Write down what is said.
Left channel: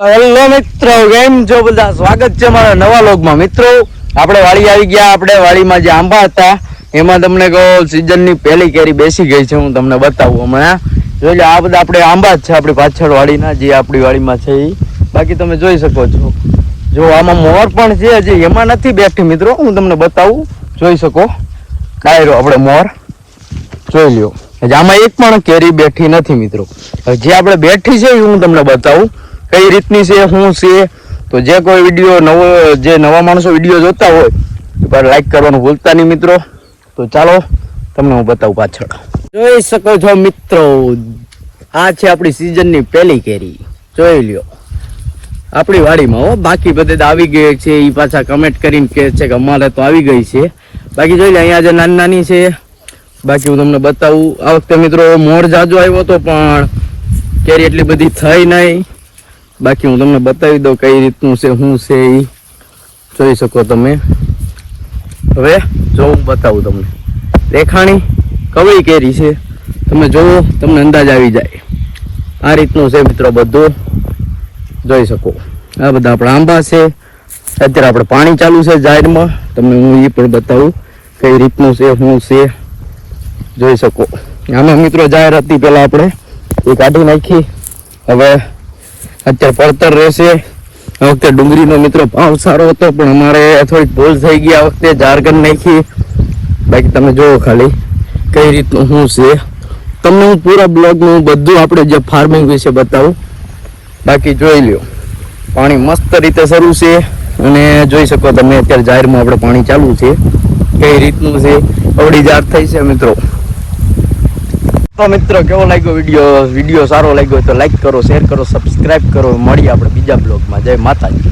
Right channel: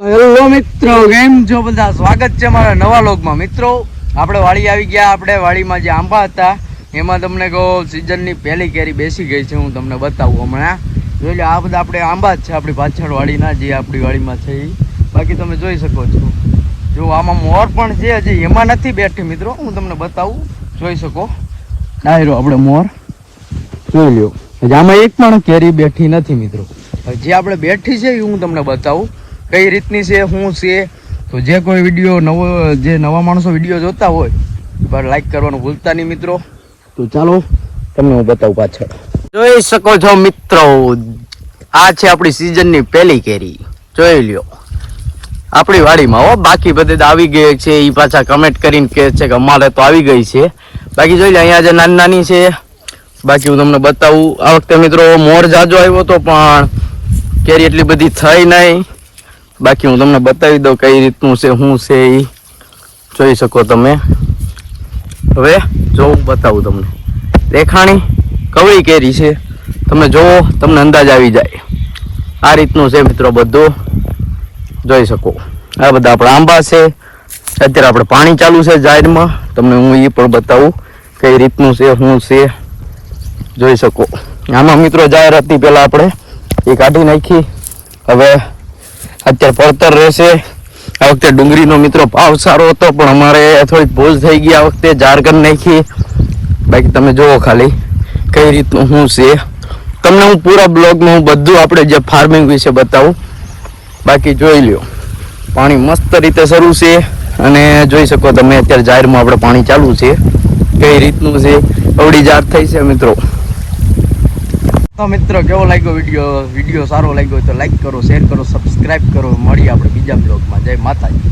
Hello મિત્રો, કેમ છો બધા? સ્વાગત છે મારા નવા લોગમાં મિત્રો, આપણે વાડી આવી ગયા, આપણે વાડીમાં જે આંબા હતા, એમાં તમને કહો સિઝનની પહેલી કેરી બેસી ગઈ છે, હું તમને બતાવું હમણાં. જોઈ લો, આ બધા આપણે આંબા જ છે, આપણી પાછળ વાડીના જે આપણી વાડીમાં છે એ બાકી તમે જોઈ શકો છો. જો, આમાં મોર પણ છે હજી, એમાં નથી બેઠી, મિત્રો. હું તમને બતાવું. જોઈ શકો. ડાયરો આપણે મોર. જોઈ લ્યો. આમાં એક પણ કેરી બેઠી નથી, મિત્રો. જે આપણે બેઠી છે એ હું તમને બતાવું. કઈ રીતની છે, શું છે? તો જે કોઈ વીડિયો નવો, જે નવા માણસો વીડિયો જોતા હોય પર લાઈક કરવાનું ભૂલતા નહીં મિત્રો. તો ચાલો, તમને હું બતાવું પાછળ. જોઈ શકો છો મિત્રો, આ છે આપણી સિઝનની પહેલી કેરી. જોઈ લ્યો. આપણી વાડીમાં હો, બાકી બધે આવી ગઈ છે એ પાછા કમેન્ટ કરીને કહે છે કે અમારે તો આવી ગઈ છે. બાકી જોઈ લે અહીંયા જે નાની નાની છે. બાકી હું તમને બતાવું, આ વખતે મિત્રો મોર જાજો આવ્યો હતો પણ કેરી એટલી બધી થઈ નહીં. બાકી હું તમને બતાવી દઉં કઈ રીતનું છે, શું છે એ જોઈ શકો તમે. હવે જો હું બતાવું તમને. દેખાણી કવળી કેરી છે. તમે જોવો, તમને અંદાજ આવી જાય. આ રીતનું છે મિત્રો બધું. જોઈ શકો. આ બધા આપણા આંબા છે. અત્યારે આપણે પાણી ચાલુ છે જાહેરમાં. તમને હું એ પણ બતાવું કઈ રીતનું છે, શું છે. જોઈ શકો. આમાં મિત્રો જાહેર હતી પહેલાં આપણે એ કાઢી નાખી. હવે અત્યારે પડતર રહેશે. આ વખતે ડુંગળીનો મિત્રો ભાવ સારો હતો, પણ અમારે થોડીક ભૂલ થઈ ગઈ આ વખતે ઝારખંડ નાખી. બાકી તમે જુઓ ખાલી કઈ રીતનું શું છે. તમને હું પૂરા બ્લોગનું બધું આપણે જે ફાર્મિંગ વિશે બતાવું. બાકી જોઈ લ્યો, પાણી મસ્ત રીતે શરૂ છે અને જોઈ શકો તમે અત્યારે જાહેરમાં આપણે પાણી ચાલુ છે. કઈ રીતનું છે? અવળી જાર થઈ છે મિત્રો. તો મિત્રો, કેવો લાગ્યો વીડિયો વીડિયો સારો લાગ્યો તો લાઈક કરો શેર કરો સબસ્ક્રાઇબ કરો. મળીએ આપણે બીજા બ્લોગમાં જય માતાજી.